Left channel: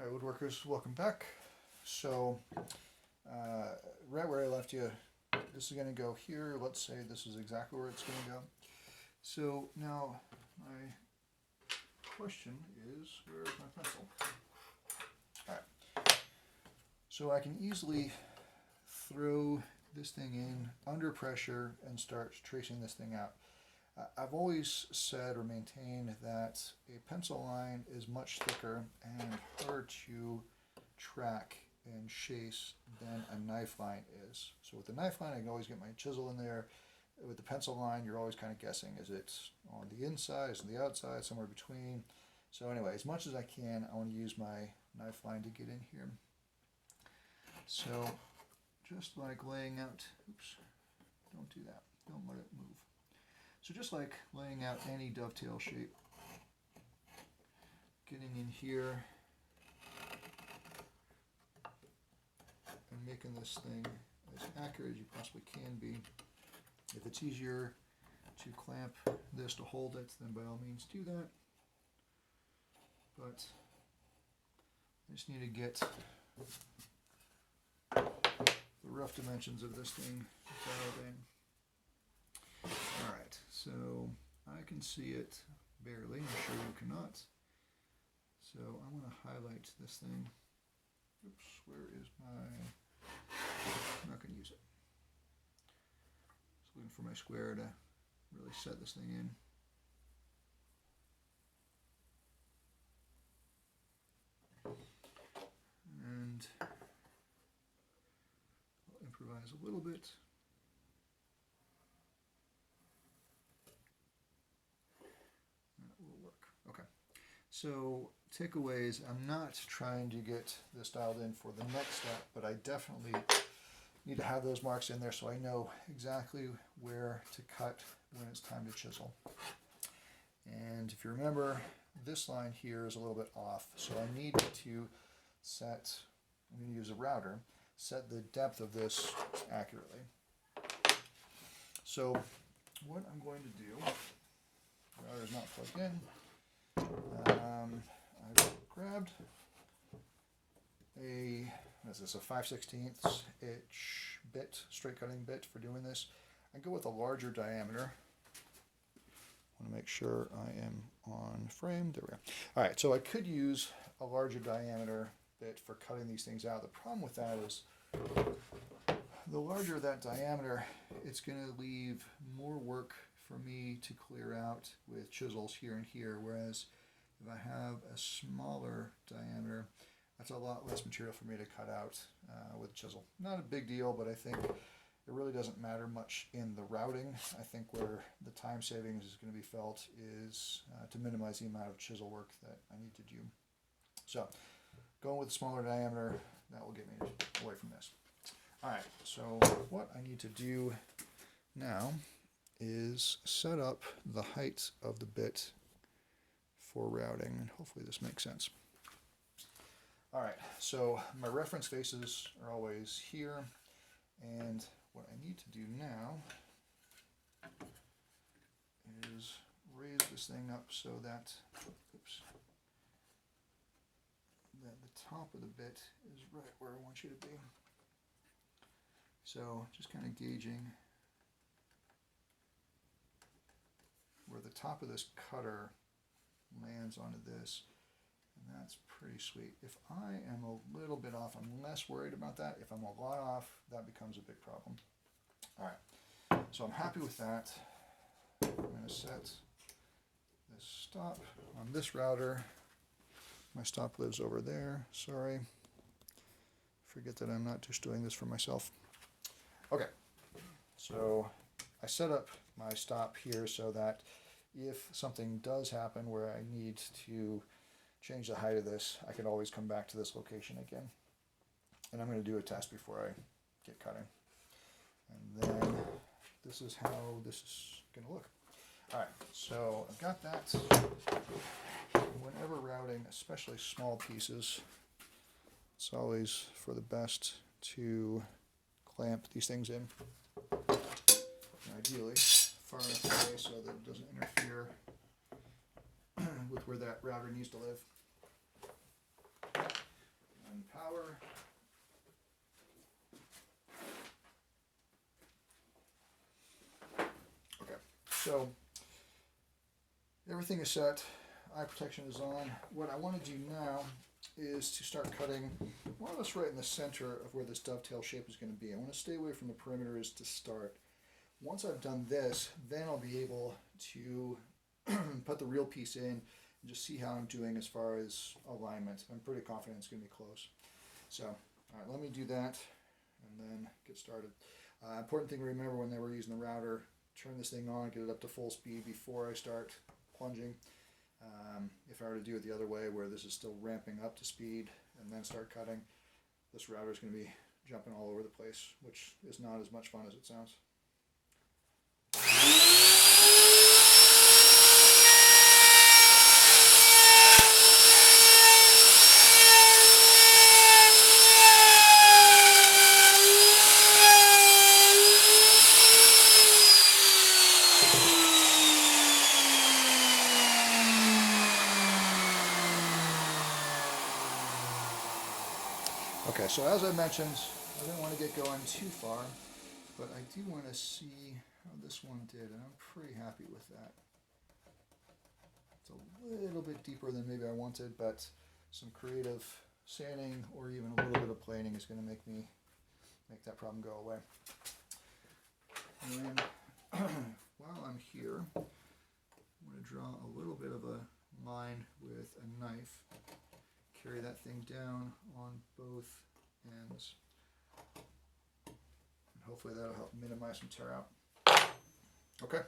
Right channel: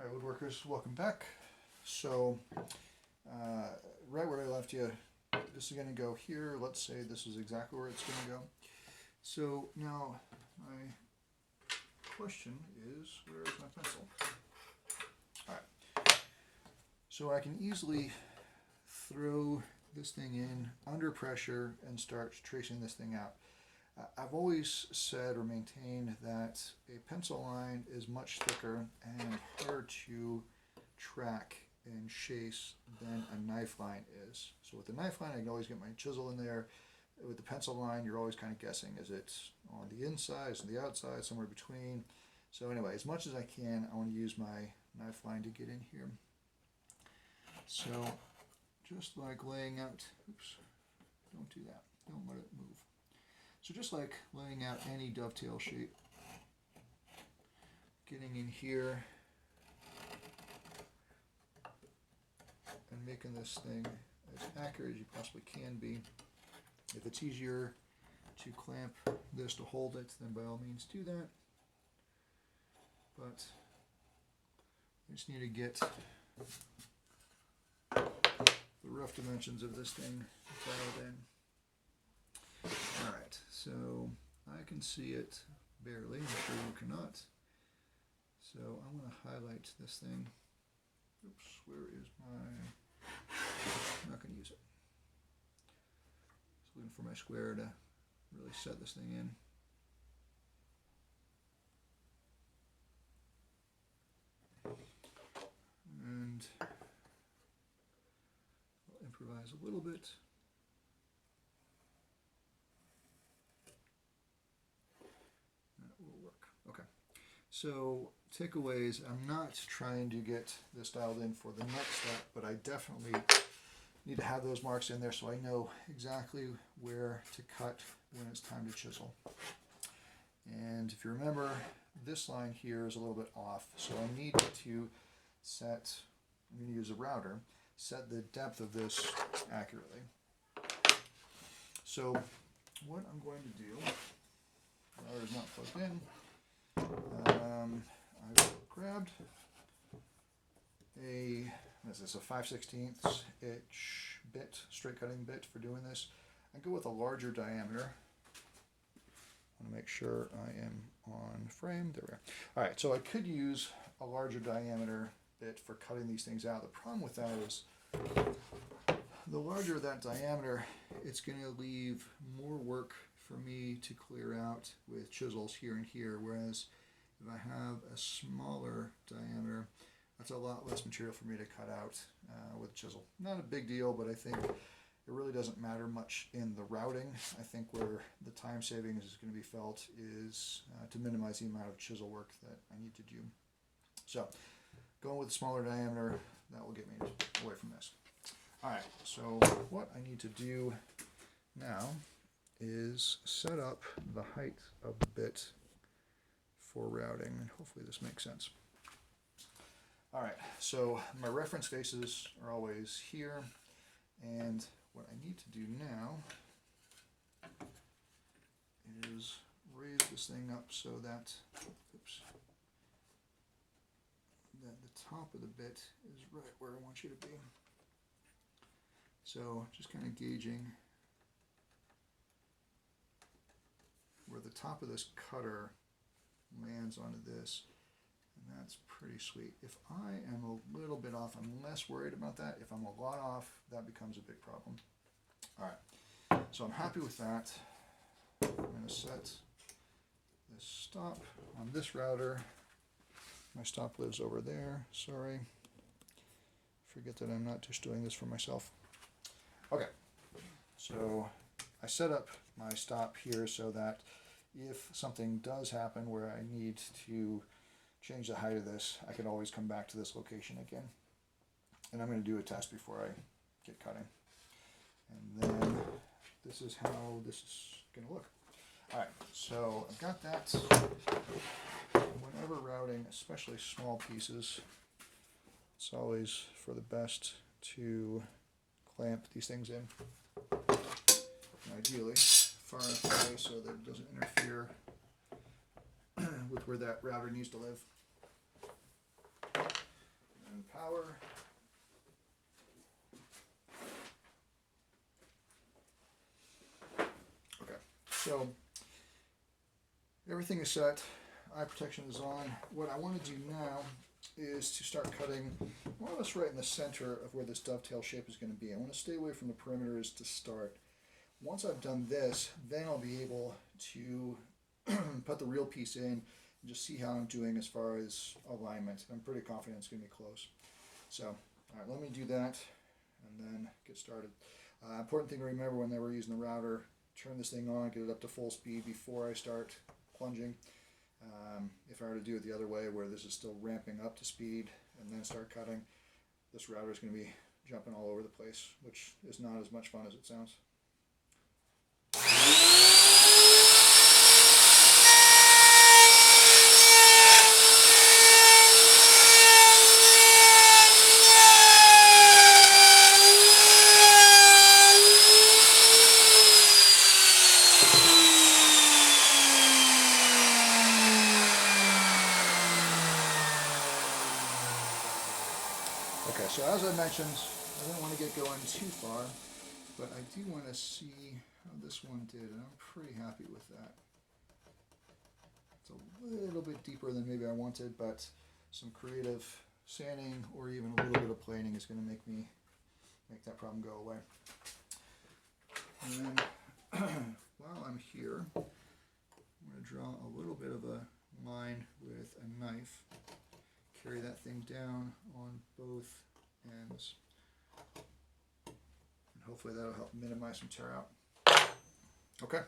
Alright, woodworkers, welcome back. So, right where I left you, this is going to go here. Let's say this is exactly where it's going to go. So now my question is, where is my pencil? Alright, so I can easily throw this thing in under pressure and start tracing this thing out. I've always said or maintained that a pencil line is much thicker and harder to track and chase than a knife line is. So with the knife line, I can always get my chisel in there. With the pencil line, you're always kind of guessing, is it on the inside, is it the outside, somewhere between. So anyway, as much as I can, I want to use my knife line to get in here. So just like laying out, oops, don't do that, don't let it move. So just like laying out any dovetail shape, getting in here and making this thing as accurate as you possibly can be. If it's easier to clamp this to hold it, then by all means do that. But I just need to get the rough dimensions of this thing dialed in. Alright, so I can see it barely, I'm sure you cannot. So I'm going to highlight this thing. Oops, where is my, I'm not going to use it. Just looking for my square to really set this thing in. And I'll improvise a little bit. Okay, so takeaways, I'm not trying to get this dialed in for the next step, but I definitely need to have those marks in there so I know exactly where to cut when it's time to chisel. And if you remember, this line here is a little bit off, so I need to set, I'm going to use a router, set the depth of this accurately. So what I'm going to do, the router's not plugged in. I've grabbed this is a 5/16 inch bit, straight cutting bit for doing this. I go with a larger diameter. I want to make sure I am on frame. There we are. Alright, so I could use a larger diameter bit for cutting these things out. The problem with that is the larger that diameter, it's going to leave more work for me to clear out with chisels here and here, whereas if I have a smaller diameter, that's a lot less material for me to cut out with a chisel. Not a big deal, but I think it really doesn't matter much in the routing. I think where the time savings is going to be felt is to minimize the amount of chisel work that I need to do. So going with a smaller diameter, that will get me away from this. Alright, so what I need to do now is set up the height of the bit for routing, and hopefully this makes sense. Alright, so my reference faces are always here, and what I need to do now is raise this thing up so that, oops, that the top of the bit is right where I want you to be. So just kind of gauging where the top of this cutter lands onto this, and that's pretty sweet. If I am a little bit off, I'm less worried about that. If I'm a lot off, that becomes a big problem. Alright, so I'm happy with that. I'm going to set this stop on this router. My stop lives over there, sorry. Forget that I'm not just doing this for myself. Okay, so I set up my stop here so that if something does happen where I need to change the height of this, I can always come back to this location again. And I'm going to do a test before I get cutting. And then this is how this is going to look. Alright, so I've got that. Whenever routing, especially small pieces, it's always for the best to clamp these things in. And ideally far enough away so that it doesn't interfere with where that router needs to live. and power. Okay, so everything is set. Eye protection is on. What I want to do now is to start cutting more or less right in the center of where this dovetail shape is going to be. I want to stay away from the perimeters to start. Once I've done this, then I'll be able to put the real piece in and just see how I'm doing as far as alignment. I'm pretty confident it's going to be close. So, all right, let me do that and then get started. Important thing to remember when we're using the router, turn this thing on, get it up to full speed before I start plunging. If I were to do it the other way, where this is still ramping up to speed and then start cutting, this router is going to be jumping all over the place, which is not as much fun as it sounds. Okay, so as I mentioned, I don't want to get going too far, but I do want to see how this one did, and I'm pretty happy with that. It's a little bit deeper than maybe I wanted, but some creative sanding or even a little bit of planing is going to make that problem go away. And then while I'm here, I'm going to draw a little bit of a line with a knife. Carry that thing down on both ends. And hopefully that'll help minimize some tear out. Okay.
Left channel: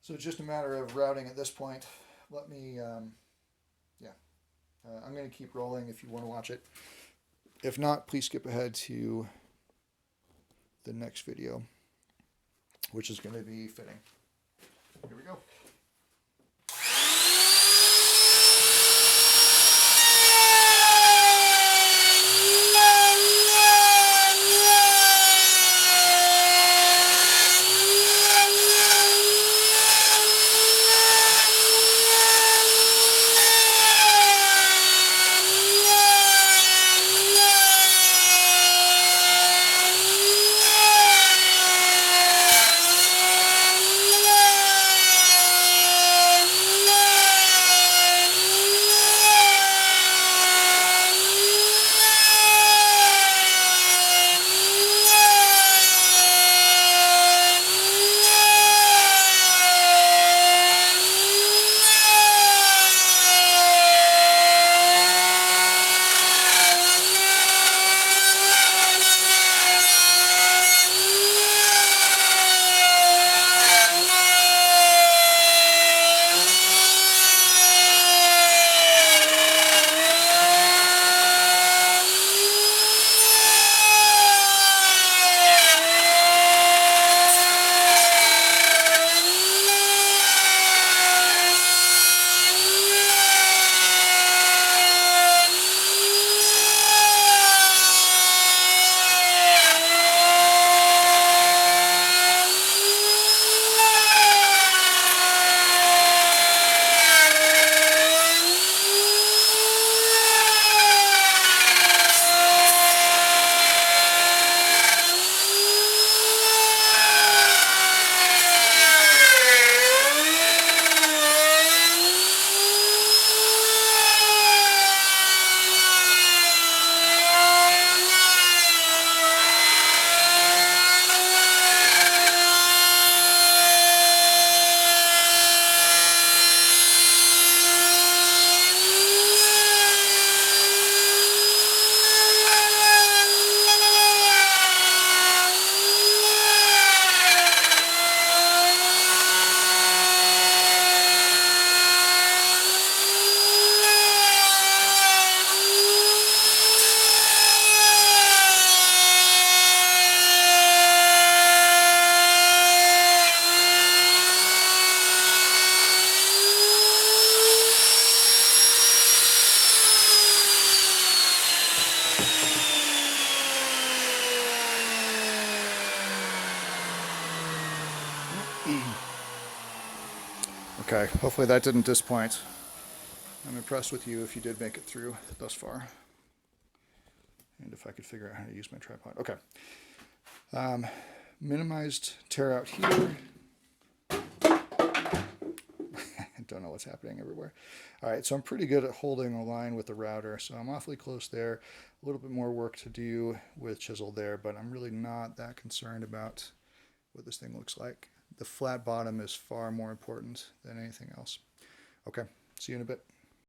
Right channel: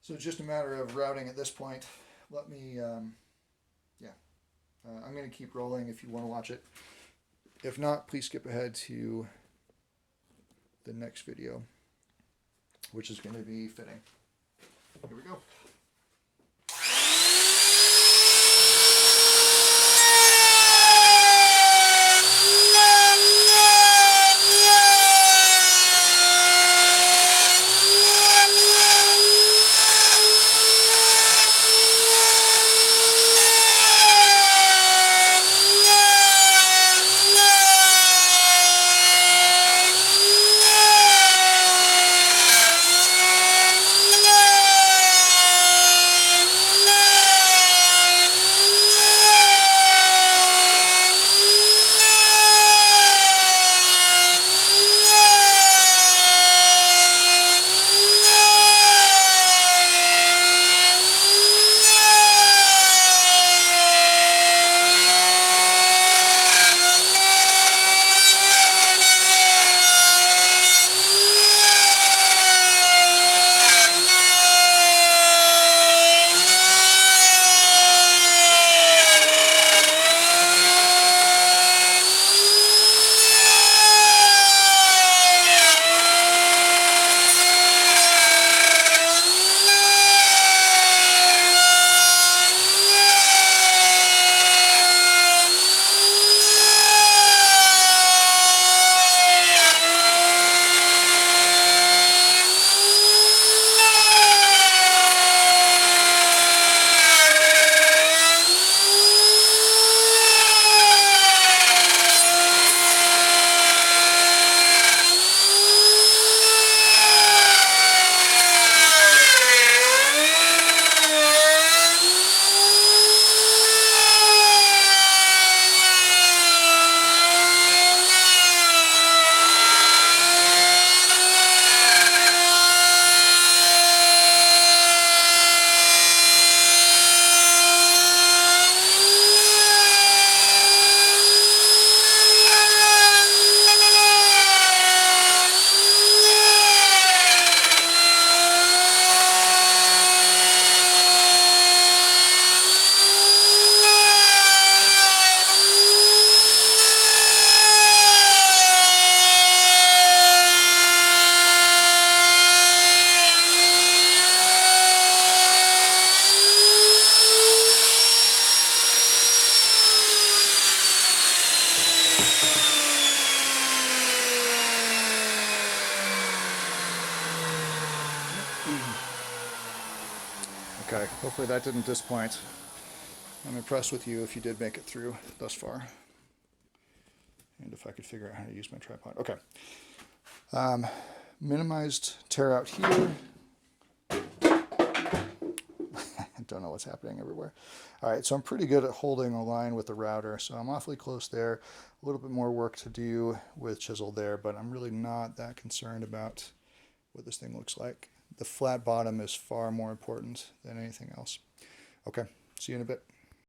So it's just a matter of routing at this point. Let me, I'm going to keep rolling if you want to watch it. If not, please skip ahead to the next video, which is going to be fitting. Here we go. Okay, hopefully that didn't disappoint. I'm impressed with you if you did make it through thus far. And if I could figure out how to use my tripod. Okay. Minimized tear out here. I don't know what's happening everywhere. All right, so I'm pretty good at holding a line with the router, so I'm awfully close there. A little bit more work to do with chisel there, but I'm really not that concerned about what this thing looks like. The flat bottom is far more important than anything else. Okay, see you in a bit.